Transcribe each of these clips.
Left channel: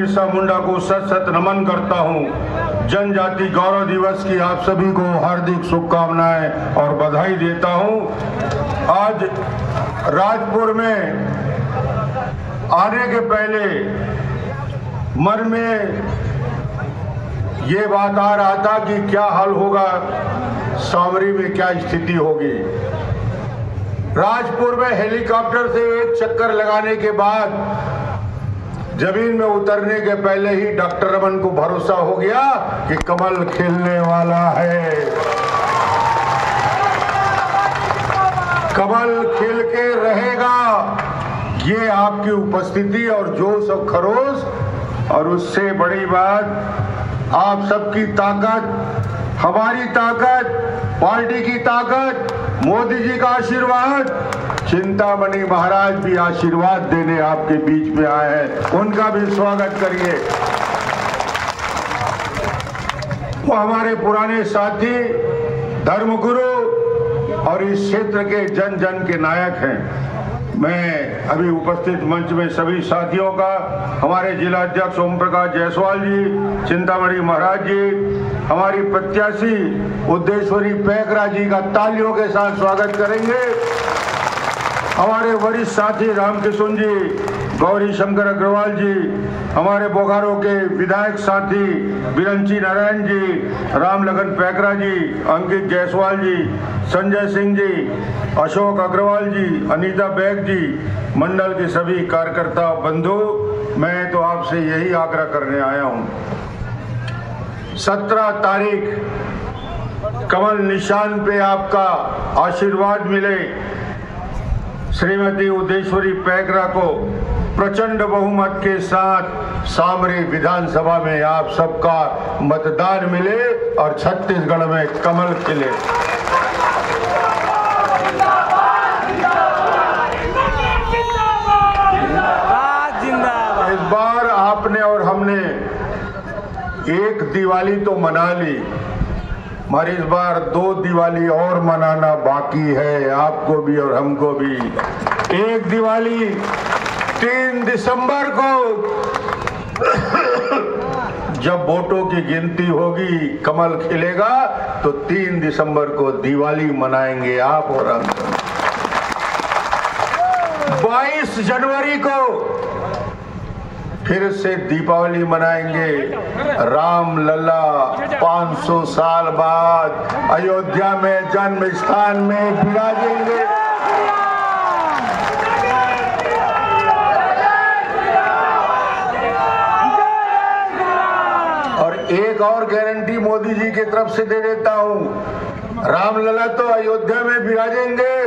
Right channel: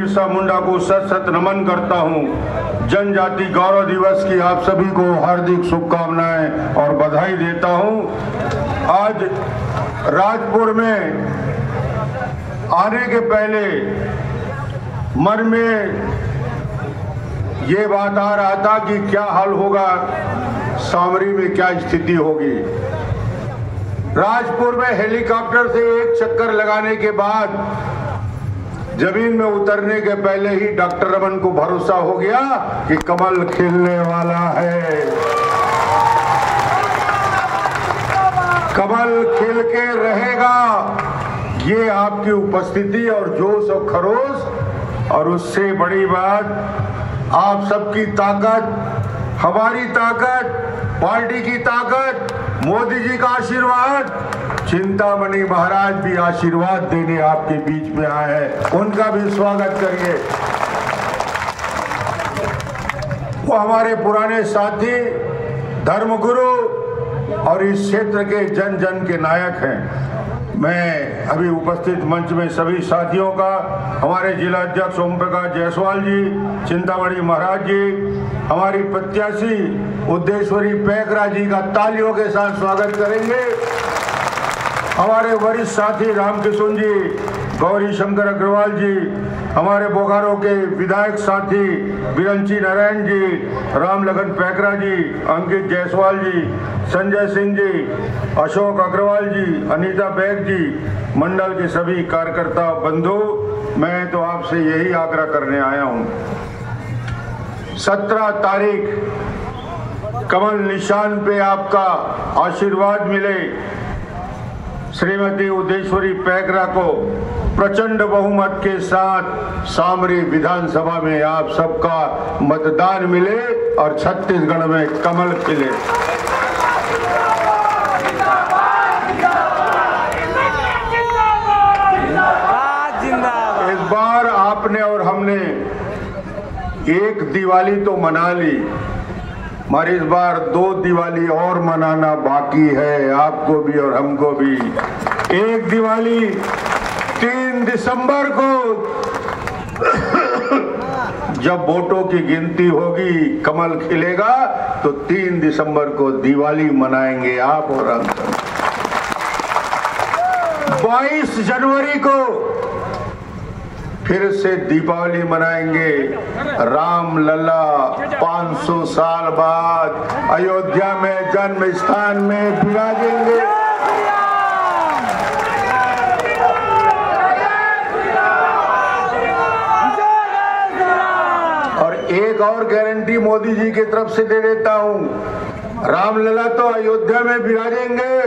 बिरसा मुंडा को सत सत नमन करता हूँ। जनजाति गौरव दिवस की आप सभी को हार्दिक शुभकामनाएं और बधाई देता हूँ। आज राजपुर में आने के पहले मन में ये बात आ रहा था कि क्या हाल होगा, सामरी में क्या स्थिति होगी। राजपुर में हेलीकॉप्टर से एक चक्कर लगाने के बाद जमीन में उतरने के पहले ही डॉक्टर रमन को भरोसा हो गया कि कमल खिलने वाला है, कमल खिल के रहेगा। ये आपकी उपस्थिति और जोश और खरोश, और उससे बड़ी बात आप सबकी ताकत, हमारी ताकत, पार्टी की ताकत, मोदी जी का आशीर्वाद, चिंतामणि महाराज भी आशीर्वाद देने आपके बीच में आए हैं, उनका भी स्वागत करिए। वो हमारे पुराने साथी, धर्मगुरु और इस क्षेत्र के जन जन के नायक हैं। मैं अभी उपस्थित मंच में सभी साथियों का, हमारे जिला अध्यक्ष ओम प्रकाश जायसवाल जी, चिंतामणि महाराज जी, हमारी प्रत्याशी उद्देश्वरी पैकरा जी का तालियों के साथ स्वागत करेंगे। हमारे वरिष्ठ साथी रामकिशन जी, गौरी शंकर अग्रवाल जी, हमारे बोकारो के विधायक साथी बिरंची नारायण जी, राम लगन पैकरा जी, अंकित जायसवाल जी, संजय सिंह जी, अशोक अग्रवाल जी, अनीता बैग जी, मंडल के सभी कार्यकर्ता बंधु, मैं तो आपसे यही आग्रह करने आया हूं। 17 तारीख कमल निशान पे आपका आशीर्वाद मिले, श्रीमती उद्देश्वरी पैकरा को प्रचंड बहुमत के साथ सामरी विधानसभा में आप सबका मतदान मिले और छत्तीसगढ़ में कमल खिले। इस बार आपने और हमने एक दिवाली तो मना ली, मगर इस बार 2 दिवाली और मनाना बाकी है, आपको भी और हमको भी। एक दिवाली 3 दिसंबर को जब वोटों की गिनती होगी, कमल खिलेगा, तो 3 दिसंबर को दिवाली मनाएंगे आप और हम। 22 जनवरी को फिर से दीपावली मनाएंगे। राम लला 500 साल बाद अयोध्या में जन्म स्थान में विराजेंगे। और एक और गारंटी मोदी जी की तरफ से दे देता हूं, रामलला तो अयोध्या में विराजेंगे,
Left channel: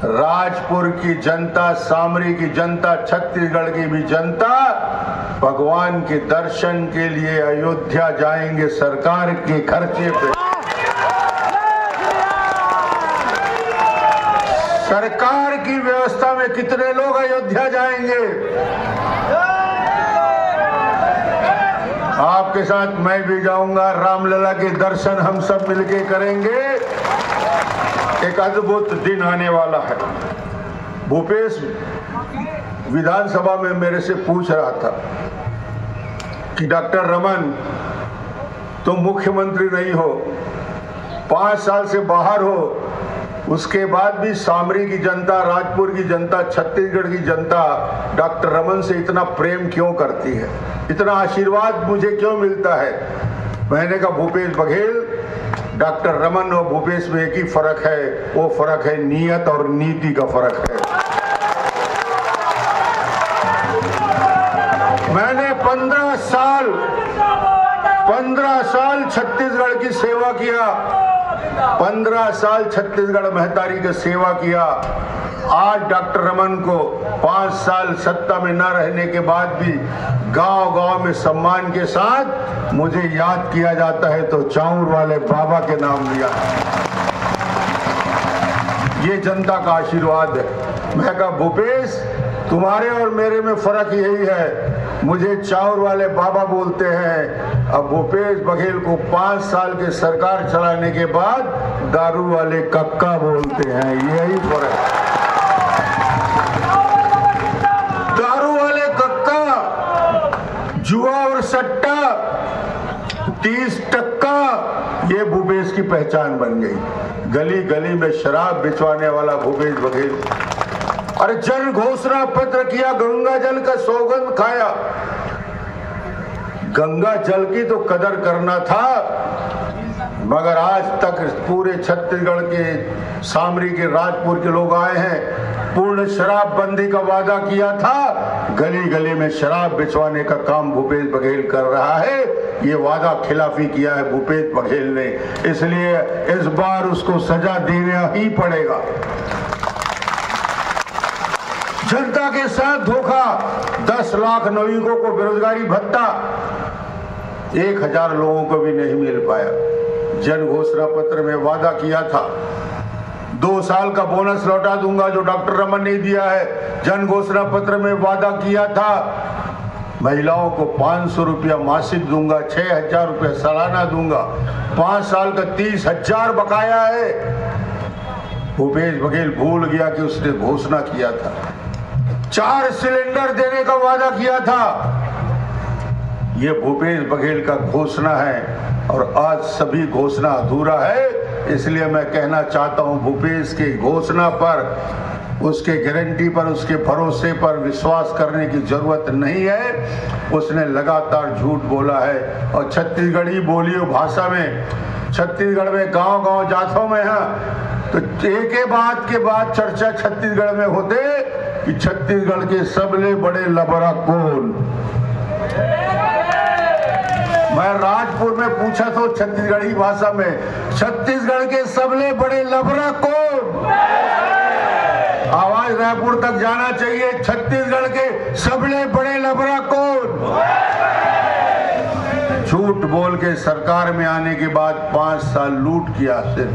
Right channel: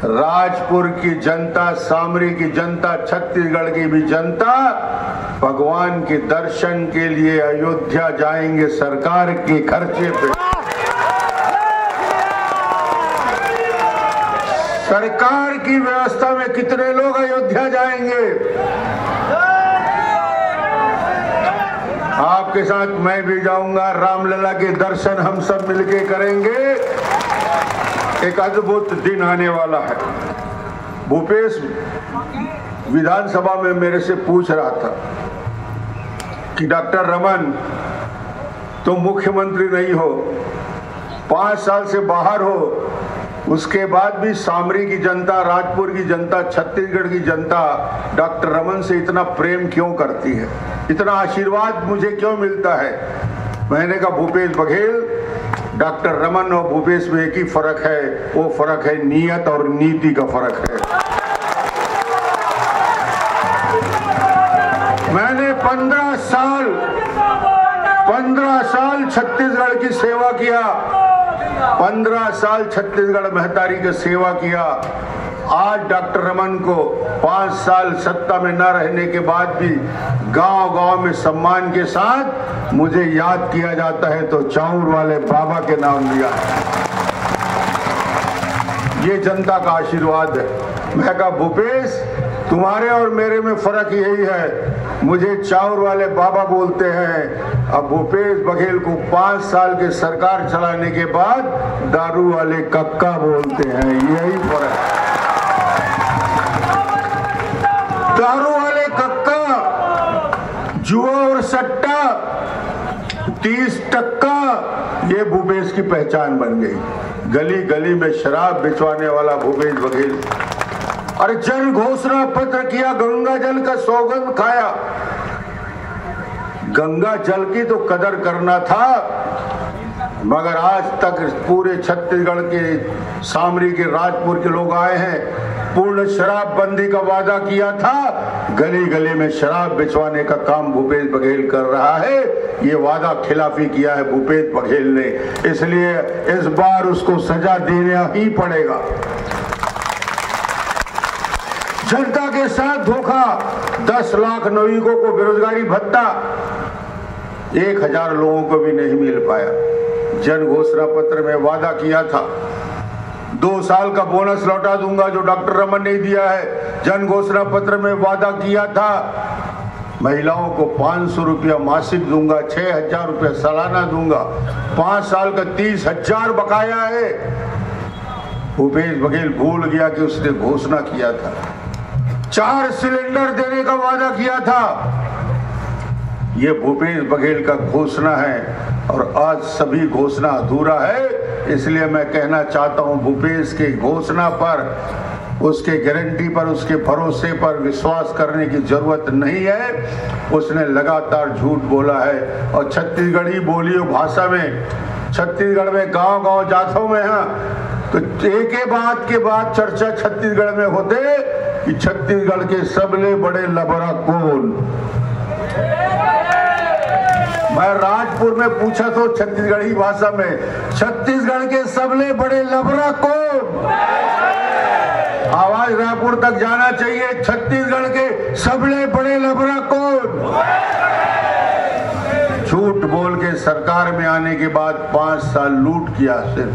राजपुर की जनता, सामरी की जनता, छत्तीसगढ़ की भी जनता भगवान के दर्शन के लिए अयोध्या जाएंगे सरकार के खर्चे पे। सरकार की व्यवस्था में कितने लोग अयोध्या जाएंगे? आपके साथ मैं भी जाऊंगा, रामलला के दर्शन हम सब मिलके करेंगे। एक अद्भुत दिन आने वाला है। भूपेश विधानसभा में मेरे से पूछ रहा था कि डॉक्टर रमन, तुम मुख्यमंत्री नहीं हो, 5 साल से बाहर हो, उसके बाद भी सामरी की जनता, राजपुर की जनता, छत्तीसगढ़ की जनता डॉक्टर रमन से इतना प्रेम क्यों करती है, इतना आशीर्वाद मुझे क्यों मिलता है? मैंने कहा भूपेश बघेल, डॉक्टर रमन और भूपेश में एक ही फर्क है, वो फर्क है नीयत और नीति का फर्क है। मैंने 15 साल छत्तीसगढ़ की सेवा किया, 15 साल छत्तीसगढ़ महतारी की सेवा किया। आज डॉक्टर रमन को 5 साल सत्ता में न रहने के बाद भी गांव-गांव में सम्मान के साथ मुझे याद किया जाता है, तो चाऊर वाले बाबा के नाम लिया है। ये जनता का आशीर्वाद है। मैं कहा भूपेश, तुम्हारे और मेरे में फर्क यही है, मुझे चाऊर वाले बाबा बोलते हैं, अब भूपेश बघेल को 5 साल के सरकार चलाने के बाद दारू वाले कक्का बोलते हैं। यही फर्क है। दारू वाले कक्का जुआ और सट्टा 30% ये भूपेश की पहचान बन गई। गली गली में शराब बिचवाने वाला भूपेश बघेल। अरे जन घोषणा पत्र किया, गंगा जल का सौगंध खाया। गंगा जल की तो कदर करना था, मगर आज तक पूरे छत्तीसगढ़ के सामरी के राजपुर के लोग आए हैं, पूर्ण शराबबंदी का वादा किया था। गली गली में शराब बिचवाने का काम भूपेश बघेल कर रहा है। ये वादा खिलाफी किया है भूपेश बघेल ने, इसलिए इस बार उसको सजा देना ही पड़ेगा। जनता के साथ धोखा, 10 लाख नागरिकों को बेरोजगारी भत्ता 1000 लोगों को भी नहीं मिल पाया। जन घोषणा पत्र में वादा किया था 2 साल का बोनस लौटा दूंगा जो डॉक्टर रमन ने दिया है। जन घोषणा पत्र में वादा किया था महिलाओं को 500 रुपया मासिक दूंगा, 6000 रुपया सालाना दूंगा। 5 साल का 30,000 बकाया है। भूपेश बघेल भूल गया कि उसने घोषणा किया था। 4 सिलेंडर देने का वादा किया था। ये भूपेश बघेल का घोषणा है और आज सभी घोषणा अधूरा है। इसलिए मैं कहना चाहता हूं भूपेश की घोषणा पर, उसके गारंटी पर, उसके भरोसे पर विश्वास करने की जरूरत नहीं है। उसने लगातार झूठ बोला है और छत्तीसगढ़ी बोलियों भाषा में, छत्तीसगढ़ में गांव-गांव जातों में है तो एक के बाद चर्चा छत्तीसगढ़ में होते कि छत्तीसगढ़ के सबले बड़े लबरा कौन। मैं राजपुर में पूछा तो छत्तीसगढ़ी भाषा में, छत्तीसगढ़ के सबले बड़े लबरा कौन। आवाज रायपुर तक जाना चाहिए, छत्तीसगढ़ के सबले बड़े लबरा कौन। झूठ बोल के सरकार में आने के बाद 5 साल लूट किया। सिर्फ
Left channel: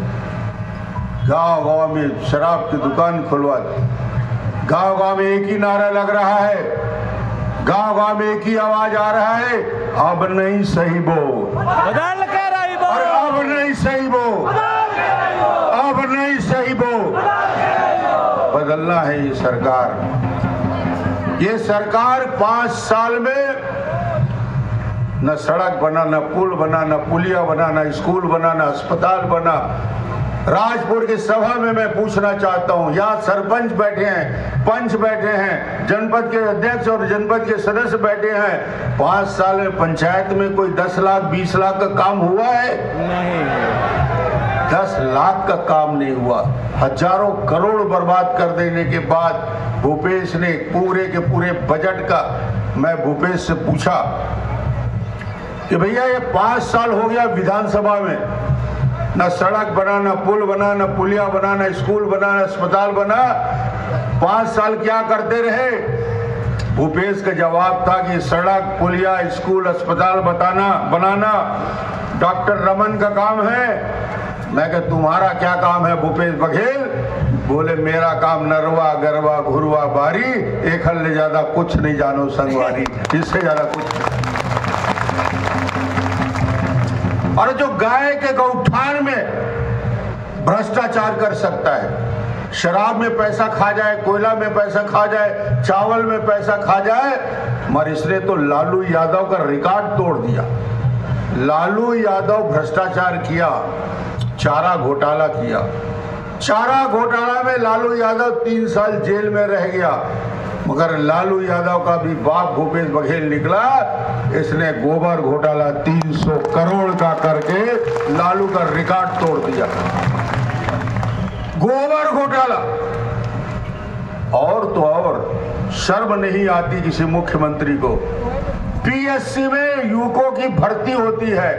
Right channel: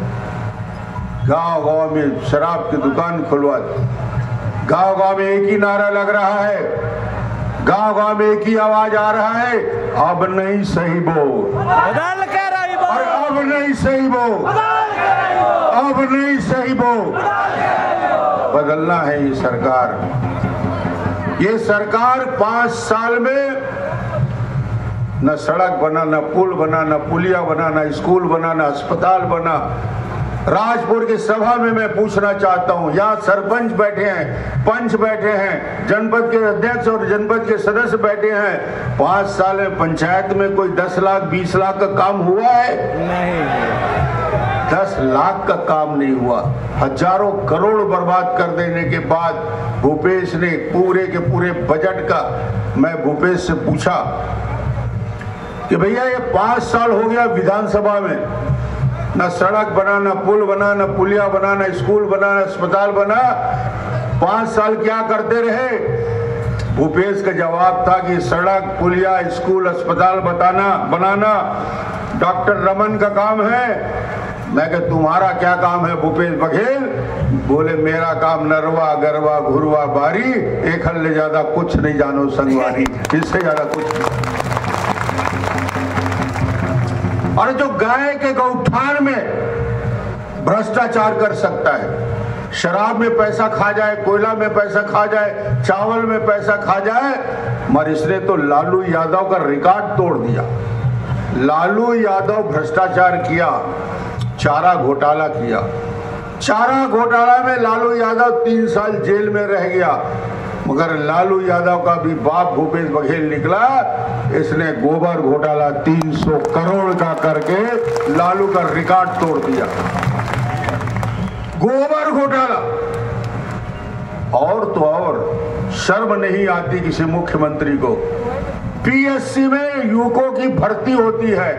गांव-गांव में शराब की दुकान खुलवा दी। गांव-गांव में एक ही नारा लग रहा है, गांव-गांव में एक ही आवाज आ रहा है, अब नहीं सही बो, बदल के रही बो, अब नहीं सही बो, अब नहीं सही बो। बदलना है ये सरकार। ये सरकार 5 साल में न सड़क बना, न पुल बना, न पुलिया बना, न स्कूल बना, न अस्पताल बना। राजपुर की सभा में मैं पूछना चाहता हूं, यहाँ सरपंच बैठे हैं, पंच बैठे हैं, जनपद के अध्यक्ष और जनपद के सदस्य बैठे हैं। 5 साल में पंचायत में कोई 10 लाख 20 लाख का काम हुआ है? नहीं। 10 लाख का काम नहीं हुआ। हजारों करोड़ बर्बाद कर देने के बाद भूपेश ने पूरे के पूरे बजट का, मैं भूपेश से पूछा कि भैया ये 5 साल हो गया विधानसभा में, न सड़क बना, न पुल बना, न पुलिया बना, न स्कूल बना, न अस्पताल बना। 5 साल क्या करते रहे? भूपेश का जवाब था कि सड़क, पुलिया, स्कूल, अस्पताल बनाना डॉक्टर रमन का काम है। मैं कहा तुम्हारा क्या काम है भूपेश बघेल? बोले मेरा काम नरवा गरवा घुरवा बारी, एक हल ले ज्यादा कुछ नहीं जानो संगवारी, इससे ज्यादा कुछ नहीं। और जो गाय के गौठान में भ्रष्टाचार कर सकता है, शराब में पैसा खा जाए, कोयला में पैसा खा जाए, चावल में पैसा खा जाए, मगर इसने तो लालू यादव का रिकॉर्ड तोड़ दिया। लालू यादव भ्रष्टाचार किया, चारा घोटाला किया। चारा घोटाला में लालू यादव 3 साल जेल में रह गया, मगर लालू यादव का भी बाप भूपेश बघेल निकला। इसने गोबर घोटाला 300 करोड़ का करके लालू का रिकॉर्ड तोड़ दिया। गोबर घोटाला। और तो और शर्म नहीं आती किसी मुख्यमंत्री को। पीएससी में युवकों की भर्ती होती है,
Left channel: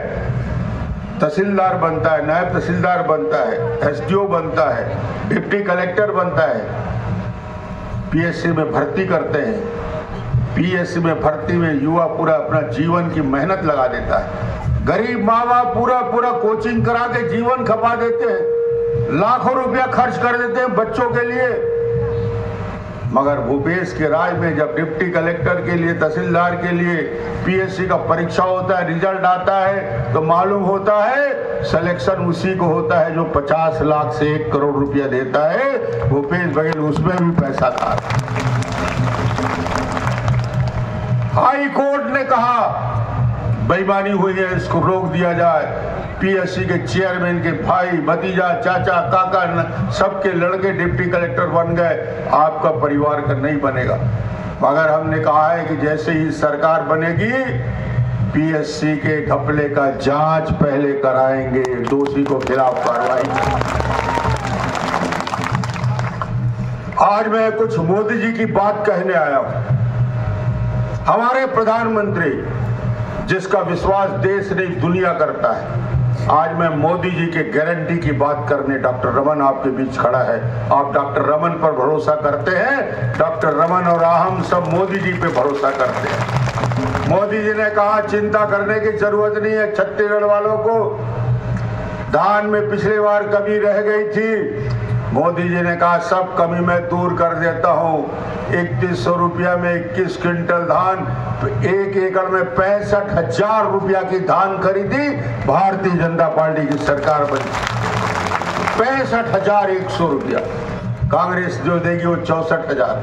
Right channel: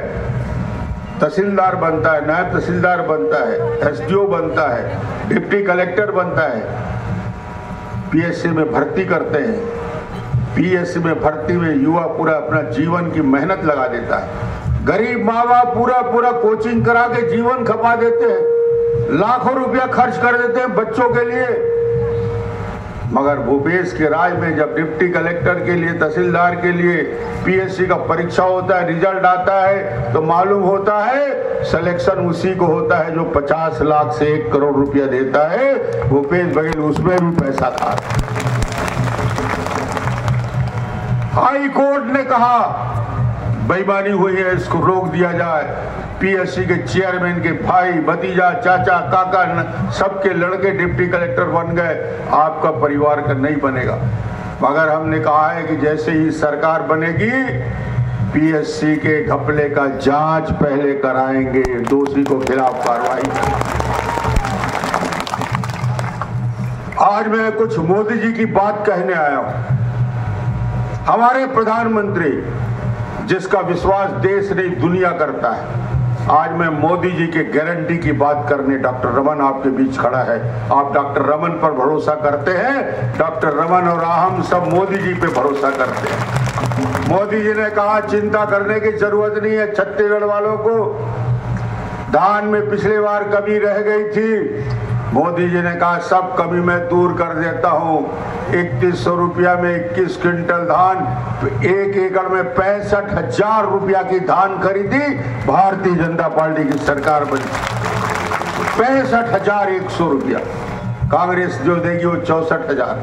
तहसीलदार बनता है, नायब तहसीलदार बनता है, एसडीओ बनता है, डिप्टी कलेक्टर बनता है। पीएससी में भर्ती करते हैं। पीएससी में भर्ती में युवा पूरा अपना जीवन की मेहनत लगा देता है। गरीब माँ बाप पूरा कोचिंग करा के जीवन खपा देते हैं, लाखों रुपया खर्च कर देते हैं बच्चों के लिए। मगर भूपेश के राज में जब डिप्टी कलेक्टर के लिए, तहसीलदार के लिए पीएससी का परीक्षा होता है, रिजल्ट आता है तो मालूम होता है सिलेक्शन उसी को होता है जो 50 लाख से 1 करोड़ रुपया देता है। भूपेश बघेल उसमें भी पैसा था। हाई कोर्ट ने कहा बेईमानी हुई है, इसको रोक दिया जाए। पीएससी के चेयरमैन के भाई, भतीजा, चाचा, काका सबके लड़के डिप्टी कलेक्टर बन गए, आपका परिवार का नहीं बनेगा। मगर हमने कहा है कि जैसे ही सरकार बनेगी पीएससी के घपले का जांच पहले कराएंगे, दोषी को खिलाफ कार्रवाई। आज मैं कुछ मोदी जी की बात कहने आया हूं। हमारे प्रधानमंत्री जिसका विश्वास देश नहीं दुनिया करता है, आज मैं मोदी जी के गारंटी की बात करने डॉक्टर रमन आपके बीच खड़ा है। आप डॉक्टर रमन पर भरोसा करते हैं, डॉक्टर रमन और हम सब मोदी जी पे भरोसा करते हैं। मोदी जी ने कहा चिंता करने की जरूरत नहीं है। छत्तीसगढ़ वालों को धान में पिछली बार कमी रह गई थी, मोदी जी ने कहा सब कमी मैं दूर कर देता हूं। 3100 रुपया में 21 क्विंटल धान, 1 एकड़ में 65,000 रुपया की धान खरीदी, भारतीय जनता पार्टी की सरकार बनी। 65,100 रुपया, कांग्रेस जो देगी वो 64,000।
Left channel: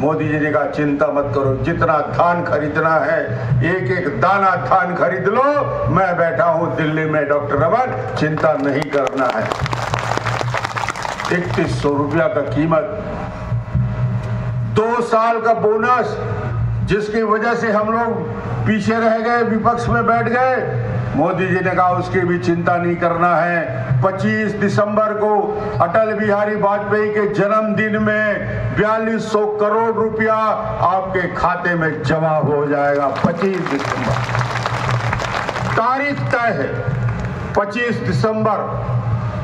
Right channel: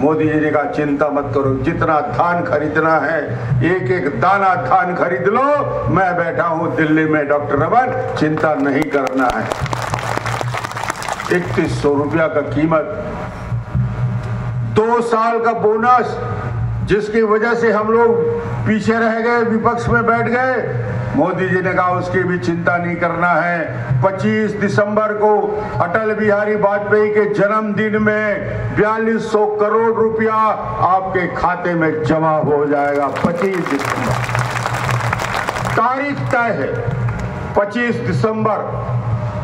मोदी जी ने कहा चिंता मत करो, जितना धान खरीदना है एक एक दाना धान खरीद लो, मैं बैठा हूं दिल्ली में डॉक्टर रमन, चिंता नहीं करना है। 3100 रुपया का कीमत, 2 साल का बोनस जिसकी वजह से हम लोग पीछे रह गए, विपक्ष में बैठ गए, मोदी जी ने कहा उसकी भी चिंता नहीं करना है। 25 दिसंबर को अटल बिहारी वाजपेयी के जन्मदिन में 4200 करोड़ रुपया आपके खाते में जमा हो जाएगा। 25 दिसंबर तारीख तय है, 25 दिसंबर।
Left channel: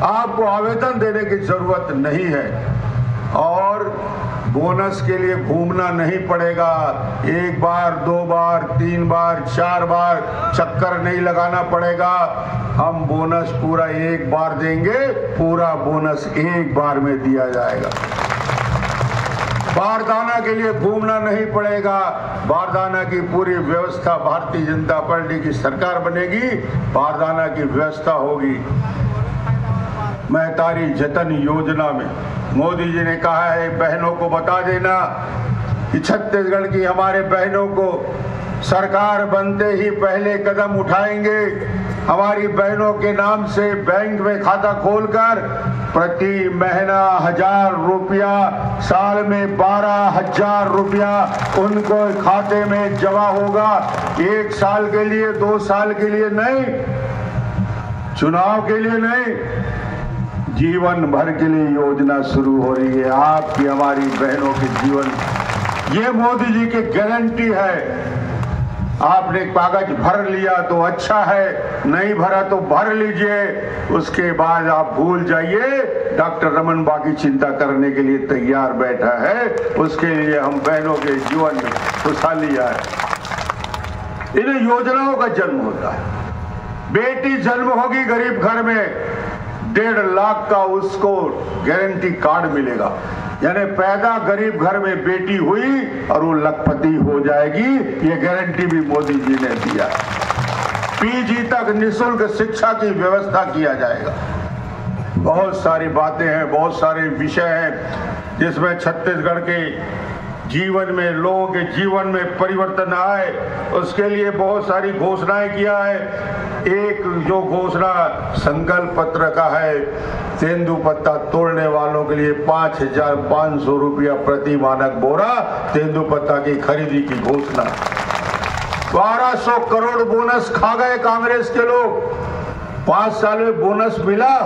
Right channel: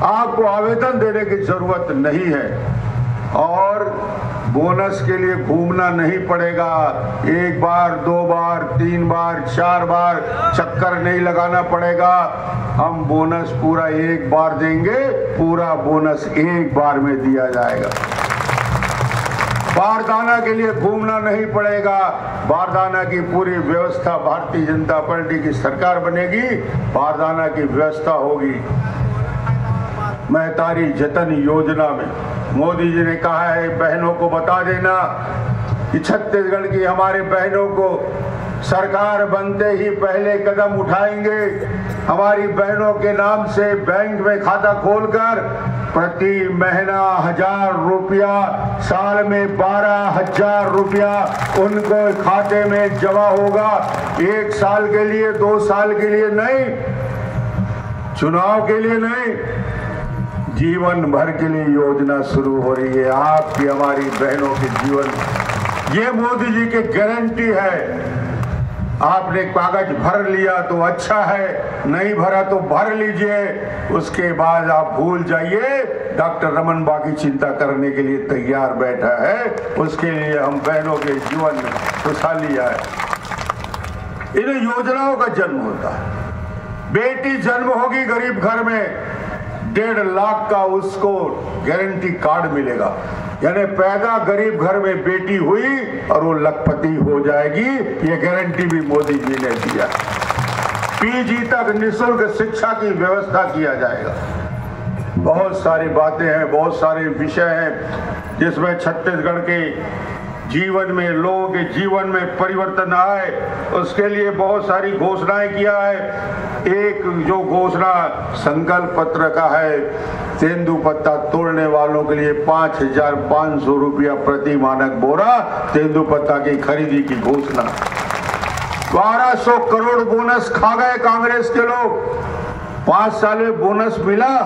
आपको आवेदन देने की जरूरत नहीं है और बोनस के लिए घूमना नहीं पड़ेगा। 1 बार, 2 बार, 3 बार, 4 बार चक्कर नहीं लगाना पड़ेगा। हम बोनस पूरा 1 बार देंगे, पूरा बोनस 1 बार में दिया जाएगा। बारदाना के लिए घूमना नहीं पड़ेगा। बारदाना की पूरी व्यवस्था भारतीय जनता पार्टी की सरकार बनेगी, बारदाना की व्यवस्था होगी। महतारी जतन योजना में मोदी जी ने कहा है बहनों को बता देना कि छत्तीसगढ़ की हमारे बहनों को सरकार बनते ही पहले कदम उठाएंगे। हमारी बहनों के नाम से बैंक में खाता खोलकर प्रति महीना 1000 रुपया, साल में 12,000 रुपया उनको खाते में जमा होगा। 1 साल के लिए, 2 साल के लिए नहीं, चुनाव के लिए नहीं, जीवन भर के लिए योजना शुरू हो रही है आपकी हमारी बहनों के जीवन। ये मोदी जी की गारंटी है। आपने कागज भर लिया तो अच्छा है, नहीं भरा तो भर लीजिए, उसके बाद आप भूल जाइए। डॉक्टर रमन बाकी चिंता करने के लिए तैयार बैठा है, उसके लिए हम बहनों के जीवन में खुशहाली आए। इन योजनाओं का जन्म होता है। बेटी जन्म होगी गरीब घर में, 1.5 लाख का उसको गारंटी कार्ड मिलेगा। यानी पैदा गरीब घर में बेटी हुई और वो लखपति हो जाएगी, ये गारंटी भी मोदी जी ने दिया। पीजी तक निःशुल्क शिक्षा की व्यवस्था किया जाएगा। बहुत सारी बातें हैं, बहुत सारे विषय हैं जिसमें छत्तीसगढ़ के जीवन में, लोगों के जीवन में परिवर्तन आए, उसके लिए बहुत सारी घोषणाएं किया है। एक जो घोषणा संकल्प पत्र का है, तेंदुपत्ता तोड़ने वालों के लिए 5,500 रुपया प्रति मानक बोरा तेंदुपत्ता की खरीदी की घोषणा। 1200 करोड़ बोनस खा गए कांग्रेस के लोग। 5 साल में बोनस मिला?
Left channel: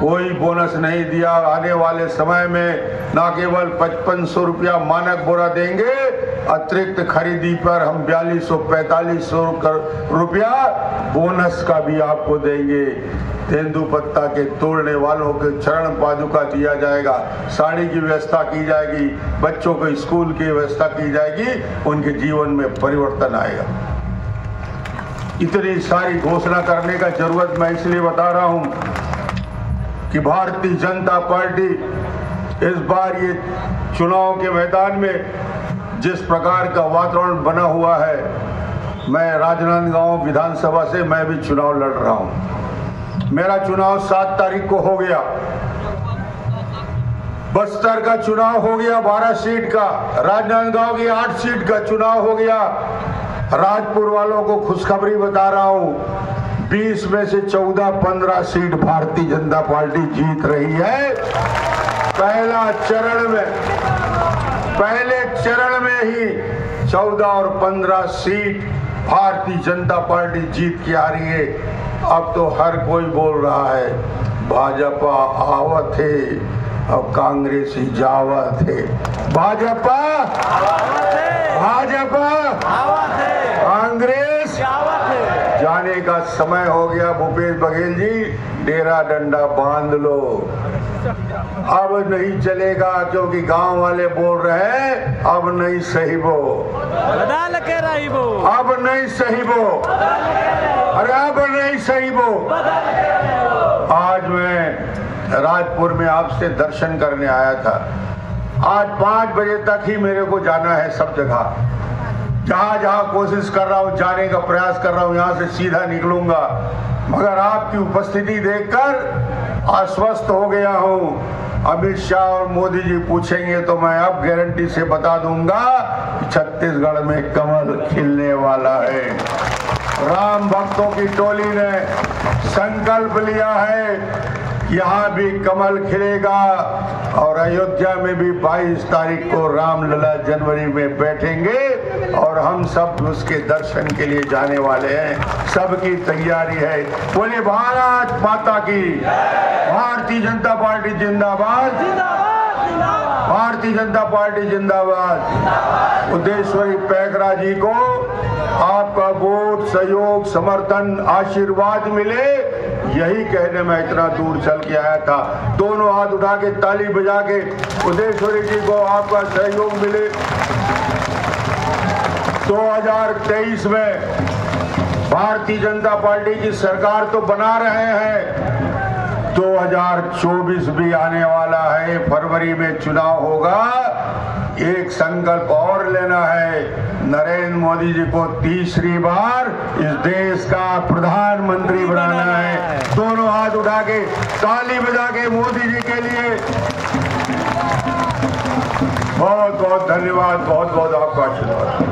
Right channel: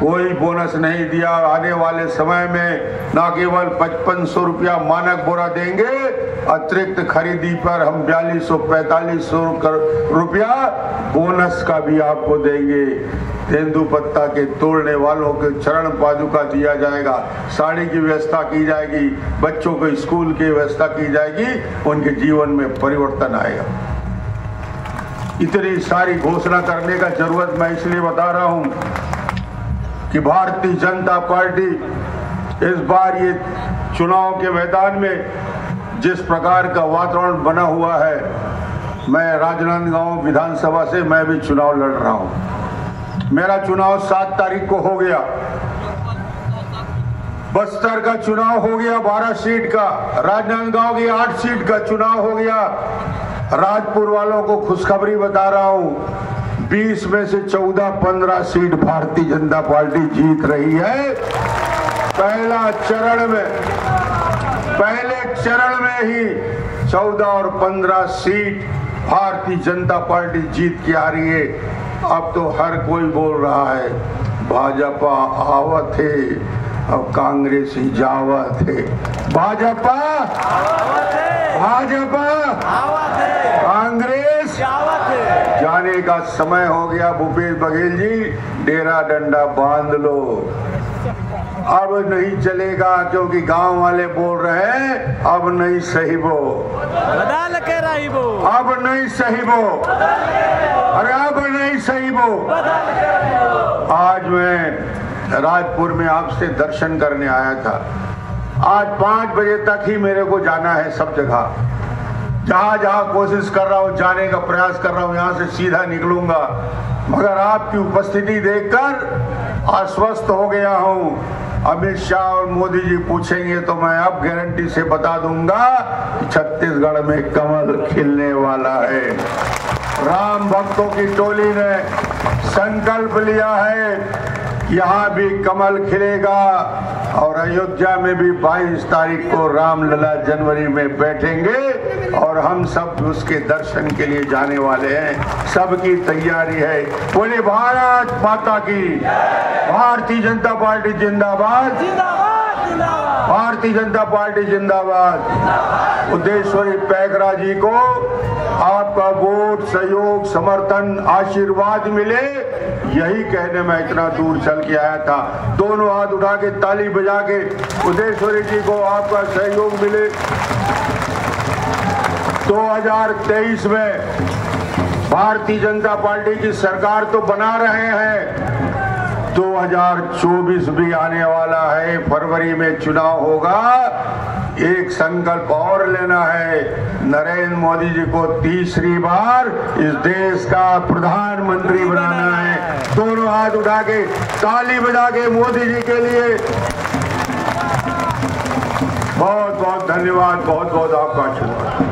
कोई बोनस नहीं दिया। आने वाले समय में न केवल 5500 रुपया मानक बोरा देंगे, अतिरिक्त खरीदी पर हम 4200-4500 रुपया बोनस का भी आपको देंगे। तेंदुपत्ता के तोड़ने वालों के चरण पादुका दिया जाएगा, साड़ी की व्यवस्था की जाएगी, बच्चों को स्कूल की व्यवस्था की जाएगी, उनके जीवन में परिवर्तन आएगा। इतनी सारी घोषणा करने का जरूरत मैं इसलिए बता रहा हूं कि भारतीय जनता पार्टी इस बार ये चुनाव के मैदान में जिस प्रकार का वातावरण बना हुआ है, मैं राजनांदगांव विधानसभा से मैं भी चुनाव लड़ रहा हूं। मेरा चुनाव 7 तारीख को हो गया। बस्तर का चुनाव हो गया 12 सीट का, राजनांदगांव की 8 सीट का चुनाव हो गया। राजपुर वालों को खुशखबरी बता रहा हूं, 20 में से 14-15 सीट भारतीय जनता पार्टी जीत रही है। पहले चरण में ही 14 और 15 सीट भारतीय जनता पार्टी जीत के आ रही है। अब तो हर कोई बोल रहा है भाजपा आवत है, अब कांग्रेस ही जावत है। भाजपा आवत है, भाजपा आवत है, कांग्रेस जावत है। जाने का समय हो गया। भूपेश बघेल जी, डेरा डंडा बांध लो, अब नहीं चलेगा, क्योंकि गांव वाले बोल रहे हैं अब नहीं सही वो, बदल के रही वो, अब नहीं सही वो, अरे अब नहीं सही वो। बदल के रही वो। आज मैं राजपुर में आपसे दर्शन करने आया था। आज 5 बजे तक ही मेरे को जाना है सब जगह, जहां जहां कोशिश कर रहा हूं, जाने का प्रयास कर रहा हूं, यहां से सीधा निकलूंगा। मगर आपकी उपस्थिति देखकर आश्वस्त हो गया हूं। अमित शाह और मोदी जी पूछेंगे तो मैं अब गारंटी से बता दूंगा कि छत्तीसगढ़ में कमल खिलने वाला है। राम भक्तों की टोली ने संकल्प लिया है, यहाँ भी कमल खिलेगा और अयोध्या में भी 22 तारीख को रामलला जनवरी में बैठेंगे और हम सब उसके दर्शन के लिए जाने वाले हैं। सबकी तैयारी है। बोले भारत माता की, भारतीय जनता पार्टी जिंदाबाद, जिंदाबाद, जिंदाबाद, भारतीय जनता पार्टी जिंदाबाद। उद्देश्वरी पैकरा जी को आपका वोट, सहयोग, समर्थन, आशीर्वाद मिले, यही कहने में इतना दूर चल के आया था। दोनों हाथ उठा के ताली बजा के उद्देश्वरी जी को आपका सहयोग मिले। 2023 में भारतीय जनता पार्टी की सरकार तो बना रहे हैं, 2024 भी आने वाला है, फरवरी में चुनाव होगा। एक संकल्प और लेना है, नरेंद्र मोदी जी को तीसरी बार इस देश का प्रधानमंत्री बनाना है। दोनों हाथ उठा के ताली बजा के मोदी जी के लिए बहुत बहुत धन्यवाद, बहुत बहुत आपका आशीर्वाद।